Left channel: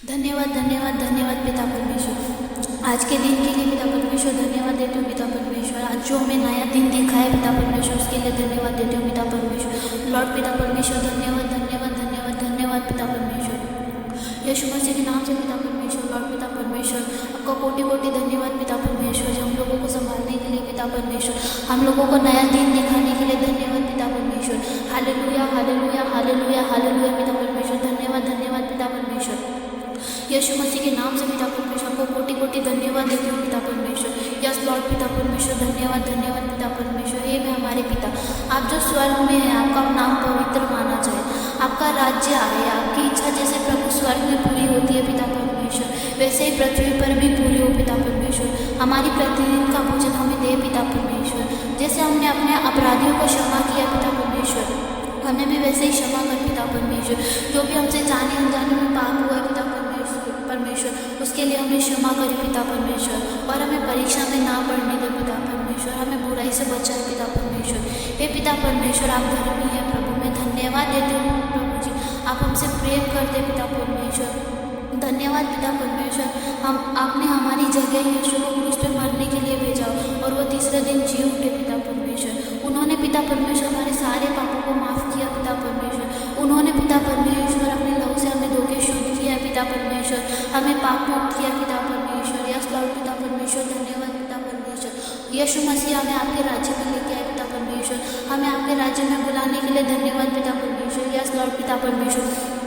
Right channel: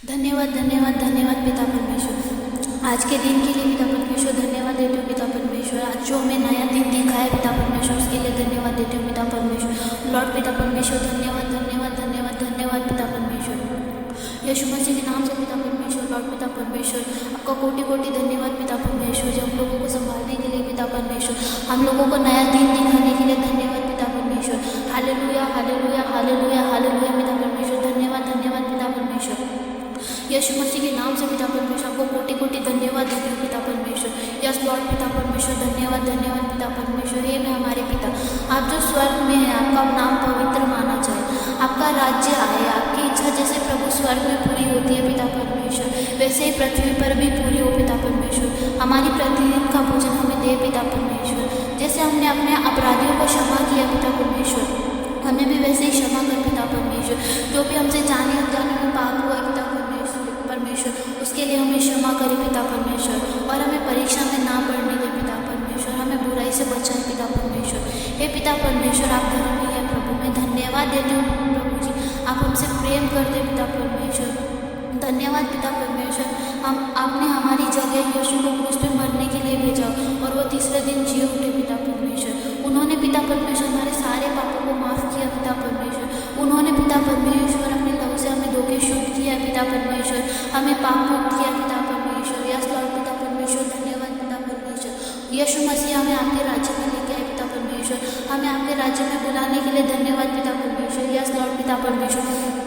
धन्यवाद धन्यवाद धन्यवाद पिता परमेश्वर, आज के दिन के लिए पिता परमेश्वर धन्यवाद देती हूँ पिता परमेश्वर। आज जो हमें नया दिन दिखा है पिता परमेश्वर, उसके लिए धन्यवाद देती हूँ पिता परमेश्वर। लॉर्ड पिता परमेश्वर, धन्यवाद धन्यवाद धन्यवाद धन्यवाद पिता परमेश्वर। यीशु मसीह के नाम से पिता परमेश्वर, लॉर्ड पिता परमेश्वर, आपका कोटि कोटि धन्यवाद पिता परमेश्वर, जो हम लोगों को संभालने के लिए पिता परमेश्वर, हम लोगों को नया दिन दिखाने के लिए धन्यवाद पिता परमेश्वर। हालेलुया हालेलुया हालेलुया हालेलुया पिता परमेश्वर, धन्यवाद धन्यवाद पिता परमेश्वर। यीशु मसीह के नाम से पिता परमेश्वर, आपको कोटि कोटि धन्यवाद देती हूँ पिता परमेश्वर। यस लॉर्ड पिता परमेश्वर, धन्यवाद धन्यवाद पिता परमेश्वर। हे मैं हमारे पिता, आप जो स्वर्ग में हैं, आपका नाम पवित्र माना जाए, आपका राज्य आए, आपकी इच्छा जैसे प्रभु स्वर्ग में पूरी होती है पिता परमेश्वर, वैसे ही पृथ्वी पर भी पूरी हो पिता परमेश्वर। हमारी प्रतिदिन का भोजन हमें दे पिता परमेश्वर, जैसे हमने अपने अपराधियों को क्षमा किया पिता परमेश्वर, हमें भी वैसे ही क्षमा कर पिता परमेश्वर। जो भी हमसे जाने अनजाने में पाप हुआ है पिता परमेश्वर, उसके लिए हमें क्षमा करे पिता परमेश्वर, और हमें परीक्षा में ना पड़ने दे पिता परमेश्वर, हमें बुराई से बचाए पिता परमेश्वर। हे पिता परमेश्वर, आप धर्मी है प्रभु, मैं धन्यवाद देती हूँ प्रभु जी, आप हमसे प्रेम करते पिता परमेश्वर। धन्यवाद पिता परमेश्वर, आपने हमारी जगह यीशु को क्रूस पे मरने के लिए भेजा और वो तीसरे दिन जी उठे पिता परमेश्वर। उन्होंने पिता परमेश्वर हमारे सारे पापों को माफ़ किया पिता परमेश्वर। उन्होंने पिता परमेश्वर अपने लहू से हमें धो के शुद्ध किया पिता परमेश्वर, हमें पाप मुक्त किया पिता परमेश्वर। यस लॉर्ड पिता परमेश्वर, धन्यवाद पिता परमेश्वर। यीशु मसीह हमें आपके राज्य में लेके आए पिता परमेश्वर, हमें आपके राज्य में बुलाने के लिए धन्यवाद पिता परमेश्वर। यस लॉर्ड पिता परमेश्वर,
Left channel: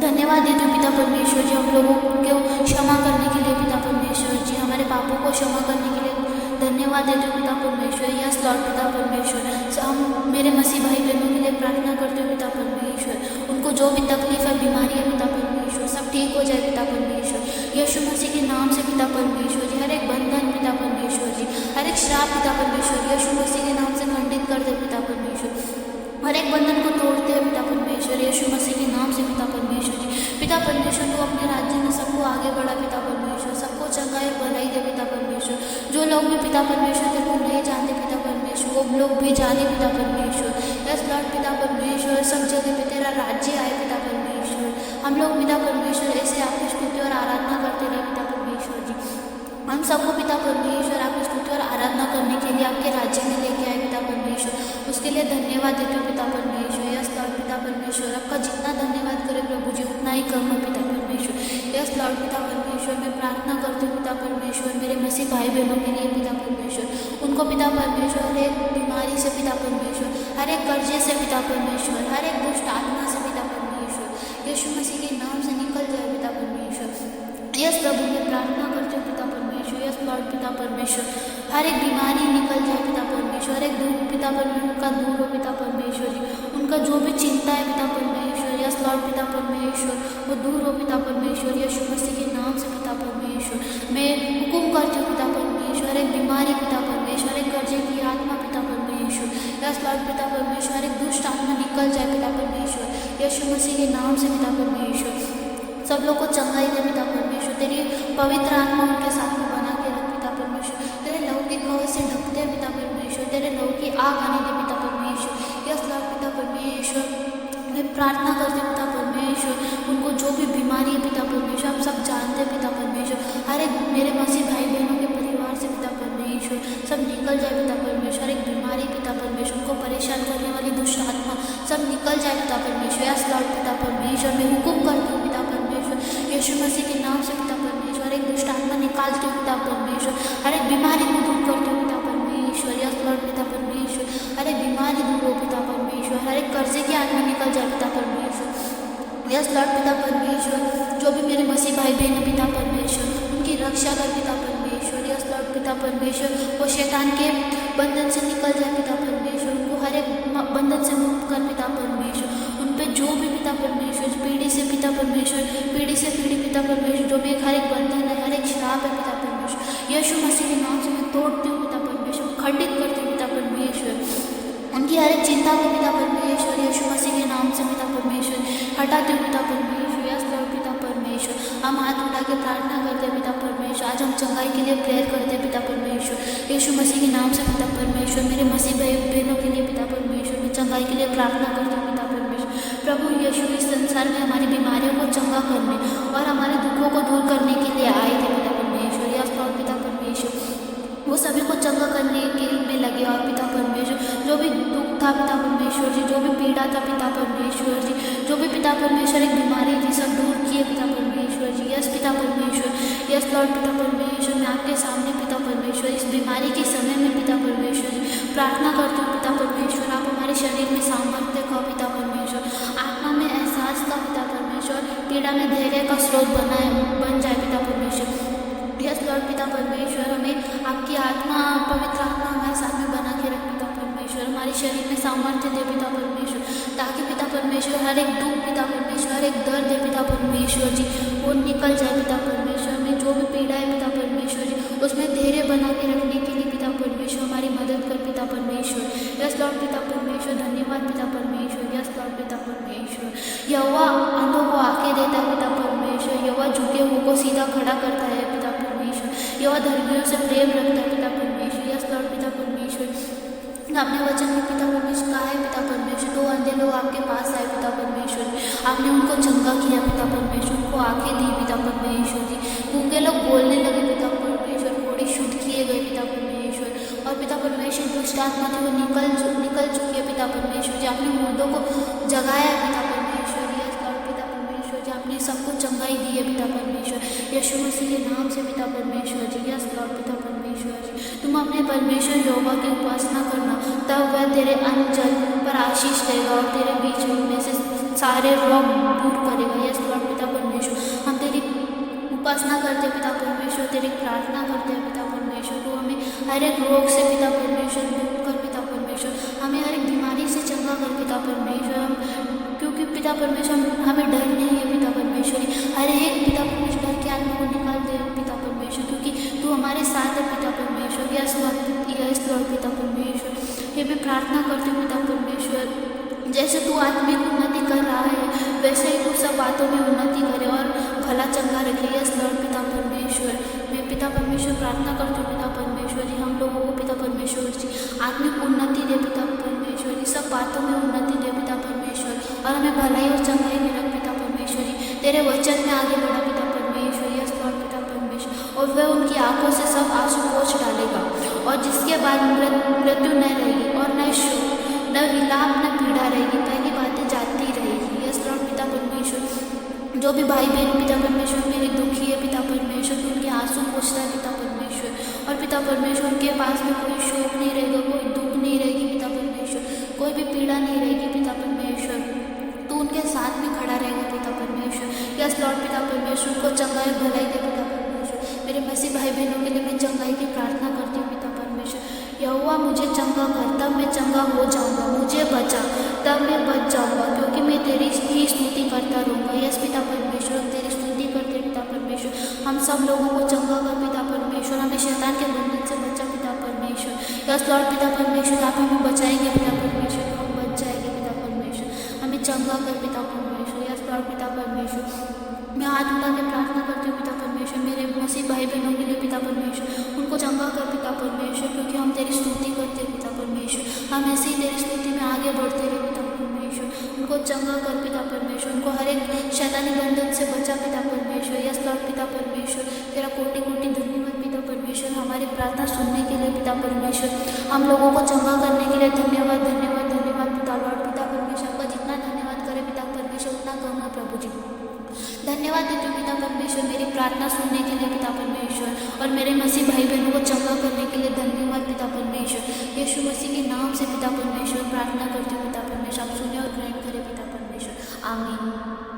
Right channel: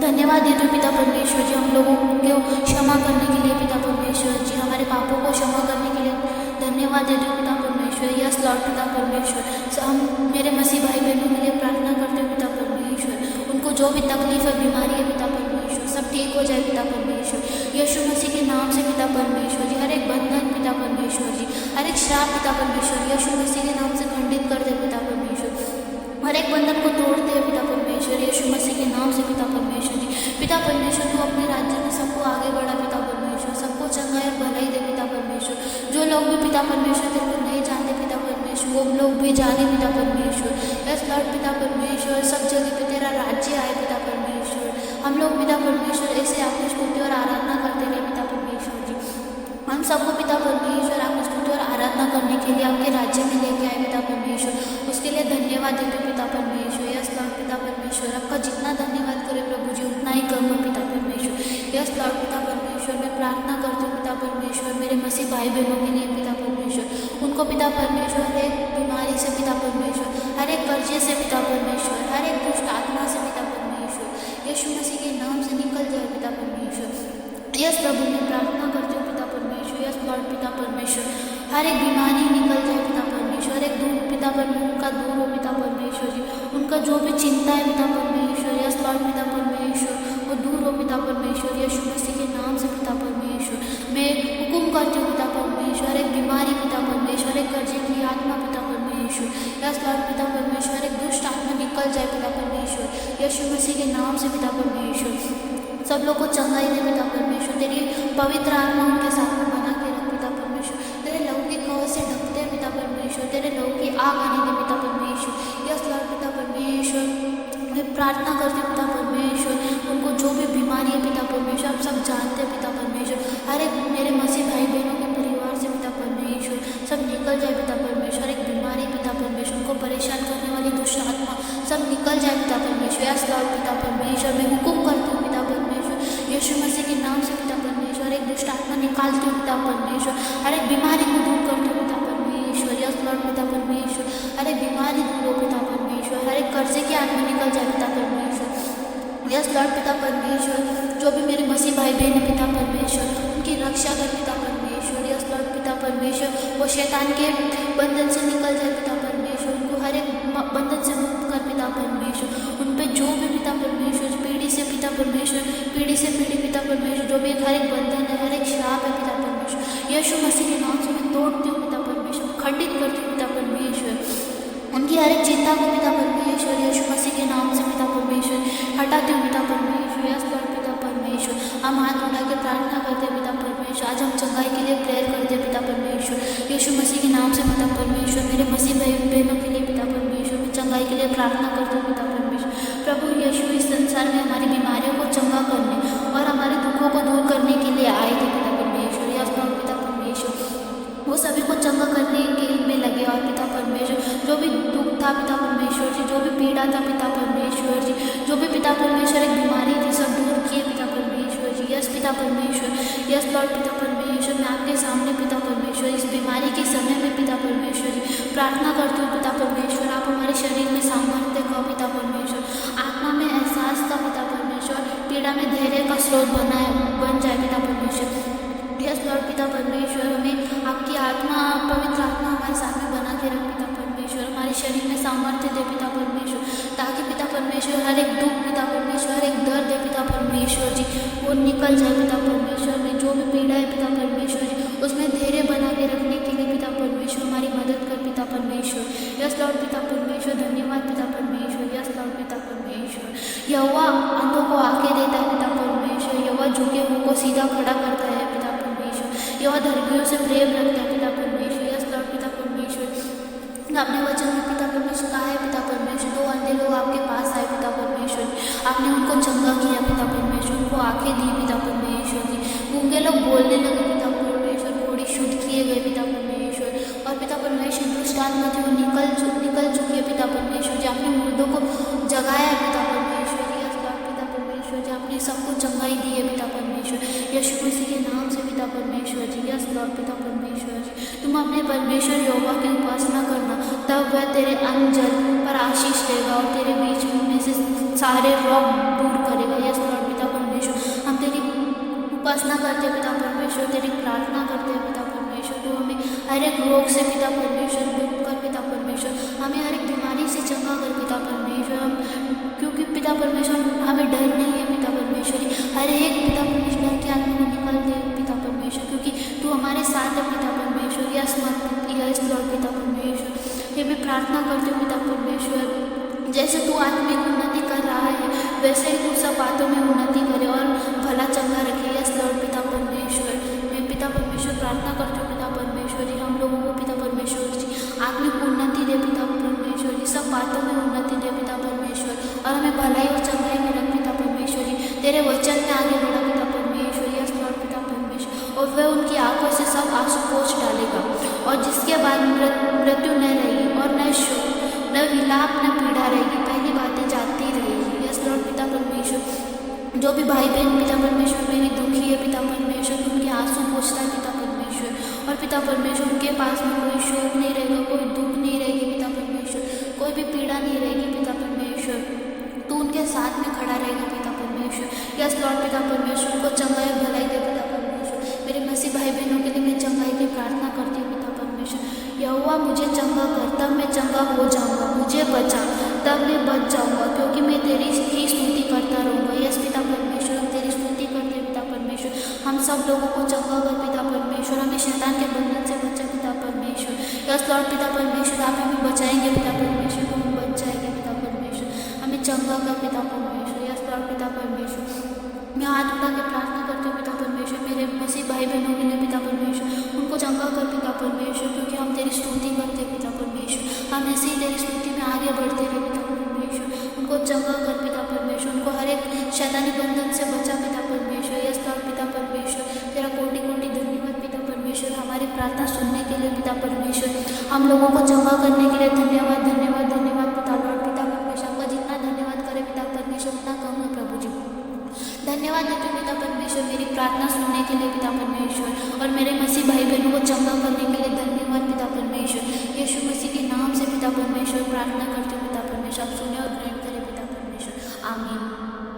धन्यवाद देते हो पिता परमेश्वर जी, हम लोगों को क्षमा करने के लिए पिता परमेश्वर जी, हमारे पापों को क्षमा करने के लिए धन्यवाद देते हो पिता परमेश्वर। यस लॉर्ड पिता परमेश्वर, हम मेरे मसीह भाई बहनों के लिए प्रार्थना करते हो पिता परमेश्वर, उनको जो भी तकलीफ है, बीमारी है पिता परमेश्वर, सब ठीक हो जाए पिता परमेश्वर। यीशु मसीह के नाम से पिता परमेश्वर जी, हर एक बंधन पिता परमेश्वर जी, हर एक श्राप पिता परमेश्वर यीशु मसीह के नाम से खंडित कर दे पिता परमेश्वर, हर एक बंधन को तोड़ते हैं पिता परमेश्वर यीशु मसीह के नाम से पिता परमेश्वर जी। पिता परमेश्वर, तू अपने राज्य में सबको आगे बढ़ा पिता परमेश्वर, सबको चंगाई और भलाई दे पिता परमेश्वर। जो लोग भी पिता परमेश्वर तेरे को नहीं जानते पिता परमेश्वर, वो लोग भी जाने पिता परमेश्वर। यस लॉर्ड पिता परमेश्वर, सब जगह पे तेरा राज्य आए पिता परमेश्वर। हम लोग पिता परमेश्वर ऐसे आपकी स्तुति और आराधना करते रहे पिता परमेश्वर जी। हम सबको पिता परमेश्वर आपकी स्तुति और आराधना करने के लिए आपके राज्य में लेके आए पिता परमेश्वर, उसके लिए धन्यवाद देते हो पिता परमेश्वर। यस लॉर्ड पिता परमेश्वर, आपका जितना धन्यवाद करे प्रभु जी उतना ही कम है पिता परमेश्वर। यस लॉर्ड पिता परमेश्वर, मैं प्रार्थना करती हूँ पिता परमेश्वर मेरे मसीह भाई बहनों के लिए पिता परमेश्वर, उनको पिता परमेश्वर हर एक बीमारी से पिता परमेश्वर, हर एक कर्जे से पिता परमेश्वर, हर एक दुष्ट आत्मा से पिता परमेश्वर यीशु मसीह के नाम से निकल जाए पिता परमेश्वर। यस प्रभु, मैं प्रार्थना करती हूँ पिता परमेश्वर। यस लॉर्ड पिता परमेश्वर, हर एक बीमारी निकल जाए पिता परमेश्वर, हर एक दूर पिता परमेश्वर का दूर हो पिता परमेश्वर जी, उनका जो भी चिंता है पिता परमेश्वर, यस लॉर्ड पिता परमेश्वर, वो दूर हो पिता परमेश्वर यीशु मसीह के नाम से पिता परमेश्वर। मैं हुक्म करती हूँ पिता परमेश्वर, हर एक बीमारी पिता परमेश्वर, हर एक कर्जे की आत्मा पिता परमेश्वर, यस लॉर्ड पिता परमेश्वर, हर एक दुष्ट आत्मा निकल जाए पिता परमेश्वर यीशु मसीह के नाम से पिता परमेश्वर। सब लोग को चंगाई दे पिता परमेश्वर, तेरी पवित्र आत्मा उनके साथ में बना के रख पिता परमेश्वर, तेरे लहू की खबर से ढकते पिता परमेश्वर, तेरे लहू की आग आने दे पिता परमेश्वर। यस लॉर्ड पिता परमेश्वर, मैं प्रार्थना करती हूँ पिता परमेश्वर, उनको जो भी बीमारी है पिता परमेश्वर, आप सब जानते हैं पिता परमेश्वर, हर एक मेरे मसीह भाई बहनों के परिवार से पिता परमेश्वर सब निकल जाए पिता परमेश्वर, हर एक बीमारी पिता परमेश्वर, उनको परेशान करने वाली दुष्ट आत्मा सब निकल जाए पिता परमेश्वर। यस लॉर्ड पिता परमेश्वर, मैं हुक्म करती हूँ पिता परमेश्वर यीशु मसीह के नाम से पिता परमेश्वर, हर एक दुष्ट आत्मा निकालती हूँ पिता परमेश्वर, हर एक बीमारी को दूर करती हूँ पिता परमेश्वर। यस लॉर्ड पिता परमेश्वर, हर एक बीमारी दूर हो पिता परमेश्वर, हर एक कर्जे की आत्मा निकल जाए पिता परमेश्वर। यस लॉर्ड पिता परमेश्वर, जो भी मेरे मसीह भाई बहन है पिता परमेश्वर, उनकी रक्षा कर पिता परमेश्वर। यस लॉर्ड पिता परमेश्वर, वो शैतान के बंधन से निकल जाए पिता परमेश्वर, उनको हर एक बंधन से मुक्त कर पिता परमेश्वर। उन पे जो भी पिता परमेश्वर पीढ़ी से पिता परमेश्वर, पीढ़ी से पीढ़ी पिता परमेश्वर, जो भी हर एक बंधन है, हर एक श्राप है पिता परमेश्वर, यीशु मसीह के नाम से मैं तोड़ती हूँ पिता परमेश्वर, खंडित करती हूँ पिता परमेश्वर। उनकी हर एक चिंता को पिता परमेश्वर यीशु मसीह के नाम से पिता परमेश्वर हटाते हो पिता परमेश्वर। यस लॉर्ड पिता परमेश्वर, हम हाथ उठा के प्रार्थना करते हैं पिता परमेश्वर। आज हम चंगाई के लिए प्रेयर करते हैं पिता परमेश्वर यीशु मसीह के नाम से पिता परमेश्वर। मेरे मसीह भाई बहनों के लिए पिता परमेश्वर मैं चंगाई के लिए प्रार्थना करती हूँ पिता परमेश्वर। प्रभु यीशु इस संसार में हमारी बीमारियों को चंगा करने और हमारे दुखों को दूर करने के लिए आए थे पिता परमेश्वर। यस लॉर्ड पिता परमेश्वर, वो सभी को चंगा करने के में लगे। और पिता परमेश्वर जो भी दुख था पिता परमेश्वर जी, जो भी पीड़ा था पिता परमेश्वर जी, जो भी पिता परमेश्वर एक बीमारी थी, सब दूर किए पिता परमेश्वर जी। यस पिता परमेश्वर, यस लॉर्ड पिता परमेश्वर, मैं आपके सामने पिता परमेश्वर इस बीमारी के समय में पिता परमेश्वर जी प्रार्थना करती हूँ पिता परमेश्वर। आप हमारे शरीर में सामर्थ्य का पिता परमेश्वर, आत्मा में एहसास का पिता परमेश्वर, पीड़ा में धैर्य का स्रोत बन जाए पिता परमेश्वर। यस लॉर्ड पिता परमेश्वर, हमें आपकी आत्मा, पवित्र आत्मा हमारे साथ में बना के रख पिता परमेश्वर। हमारे शरीर में सामर्थ्य दे पिता परमेश्वर, ताकि पिता परमेश्वर हर एक दुख पिता परमेश्वर, हर एक दर्द दे पिता परमेश्वर जी वो निकल जाए पिता परमेश्वर। में जो भी पीड़ा है पिता परमेश्वर जी उसमें धैर्य बना के रखने के लिए पिता परमेश्वर हमारी मदद कर पिता परमेश्वर। यस लॉर्ड पिता परमेश्वर, धन्यवाद पिता परमेश्वर। यस लॉर्ड पिता परमेश्वर, यहोवा अंधों को आंखें देता है पिता परमेश्वर। यहोवा झुके हुए को सीधा खड़ा करता है पिता परमेश्वर। यहोवा धर्मियों से प्रेम रखता है पिता परमेश्वर। यस लॉर्ड पिता परमेश्वर, आपने वचन में पिता परमेश्वर कहा है पिता परमेश्वर, 2 अंधे लोग आपके पास आए पिता परमेश्वर, आपने उनको चंगा किया पिता परमेश्वर, उनको आंखें दी पिता परमेश्वर जी। गूंगे लोग बोलने लगे पिता परमेश्वर, कोढ़ी शुद्ध किए गए पिता परमेश्वर। और पिता परमेश्वर दुष्ट आत्मा थी वो निकल चुकी है पिता परमेश्वर जी। आपने मुर्दों को जगाया है पिता परमेश्वर। यस लॉर्ड पिता परमेश्वर जी, आपने सबको चंगाई दी है पिता परमेश्वर यीशु मसीह के नाम से पिता परमेश्वर जी। यस लॉर्ड पिता परमेश्वर जी, तुम अपने परमेश्वर यहोवा की उपासना करना, तब वह तेरे अन्न जल पर आशीष देगा और तेरे बीच में से सारे रोग दूर करेगा। यस लॉर्ड पिता परमेश्वर, हम तेरी उपासना करते हैं पिता परमेश्वर, तेरी प्रार्थना करते हैं पिता परमेश्वर। तो हमें हर एक रोग से पिता परमेश्वर मुक्त कर पिता परमेश्वर, हमें हर एक बीमारी से चंगा कर पिता परमेश्वर। हम क्योंकि पिता परमेश्वर हमें डर नहीं है पिता परमेश्वर, हर एक पिता परमेश्वर डर की आत्मा को निकाल दे पिता परमेश्वर, क्योंकि तू हमारे साथ है पिता परमेश्वर। यस यस लॉर्ड पिता परमेश्वर, ये मैं प्रार्थना करती हूँ पिता परमेश्वर, जैसे तू आत्मिक उन्नति कर रहा है वैसे ही तू सब बातों में उन्नति करे और भला चंगा रखे। यस लॉर्ड पिता परमेश्वर, मैं पिता परमेश्वर प्रार्थना करती हूँ पिता परमेश्वर जी, हम लोगों को पिता परमेश्वर जी आत्मिक उन्नति दे पिता परमेश्वर जी, सब बातों में उन्नति दे पिता परमेश्वर, और हमें भलाई और चंगाई में रख पिता परमेश्वर जी, तेरे वचन में आगे बढ़ा पिता परमेश्वर। यस लॉर्ड पिता परमेश्वर, और वह उनकी आंखों से सब आंसू पोंछ डालेगा, और जिसके बाद मृत्यु न रहेगी और न शोक न विलाप न पीड़ा रहेगी, पहली बातें जाती रहेगी। यस लॉर्ड पिता परमेश्वर, जो भी भाई बहन पिता परमेश्वर मेरी दुखी है पिता परमेश्वर, तो उनके आंसू पोंछता है पिता परमेश्वर, और पिता परमेश्वर उनके पास में कोई शोक नहीं रहेगा, कोई दुख नहीं रहेगी पिता परमेश्वर, कोई भी पीड़ा नहीं रहेगी पिता परमेश्वर, तो उनके साथ में खड़ा रहेगा पिता परमेश्वर। यस लॉर्ड पिता परमेश्वर, उनको चंगाई भलाई दे पिता परमेश्वर। मेरे मसीह भाई बहनों के लिए मैं चंगाई की प्रार्थना करती हूँ पिता परमेश्वर। यहोवा मुझे चंगा कर, तब मैं चंगा हो जाऊंगा, मुझे बचा तब मैं बच जाऊंगा, क्योंकि मैं तेरी ही स्तुति करता रहूँगा। यस पिता परमेश्वर, हम तेरी स्तुति करते हैं पिता परमेश्वर, हम सब लोगों को चंगा कर पिता परमेश्वर, हमें शैतान के बंधन से बचा पिता परमेश्वर। यस लॉर्ड पिता परमेश्वर, आप हमें बचाएंगे पिता परमेश्वर, तो हम बच जाएंगे पिता परमेश्वर, हमें चंगा कर पिता परमेश्वर। यस लॉर्ड पिता परमेश्वर, मैं हाथ उठा के प्रार्थना करती हूँ पिता परमेश्वर, मेरे मसीह भाई बहनों के लिए पिता परमेश्वर, उनको चंगा कर पिता परमेश्वर, क्योंकि हम तेरी स्तुति करते हैं पिता परमेश्वर, हम ऐसे ही तेरी स्तुति में आगे बढ़ते रहे पिता परमेश्वर, उनको चंगा कर पिता परमेश्वर, उनको हर एक शैतानी बंधन से बचा पिता परमेश्वर। यस लॉर्ड पिता परमेश्वर, तेरा कोटि कोटि धन्यवाद पिता परमेश्वर, हमारी प्रार्थना सुनने के लिए पिता परमेश्वर, हम लोगों को चंगा करने के लिए धन्यवाद धन्यवाद धन्यवाद पिता लॉर्ड पिता परमेश्वर। आपका जितना धन्यवाद करे पिता परमेश्वर उतना कम है प्रभु जी। धन्यवाद देते हो पिता परमेश्वर मेरी प्रार्थना सुनने के लिए पिता परमेश्वर, और मेरे मसीह भाई बहनों को चंगा करने के लिए धन्यवाद पिता परमेश्वर। यीशु मसीह के नाम से पिता परमेश्वर प्रार्थना करती हूँ पिता परमेश्वर, आप सुने और ग्रहण करें पिता परमेश्वर, आमीन।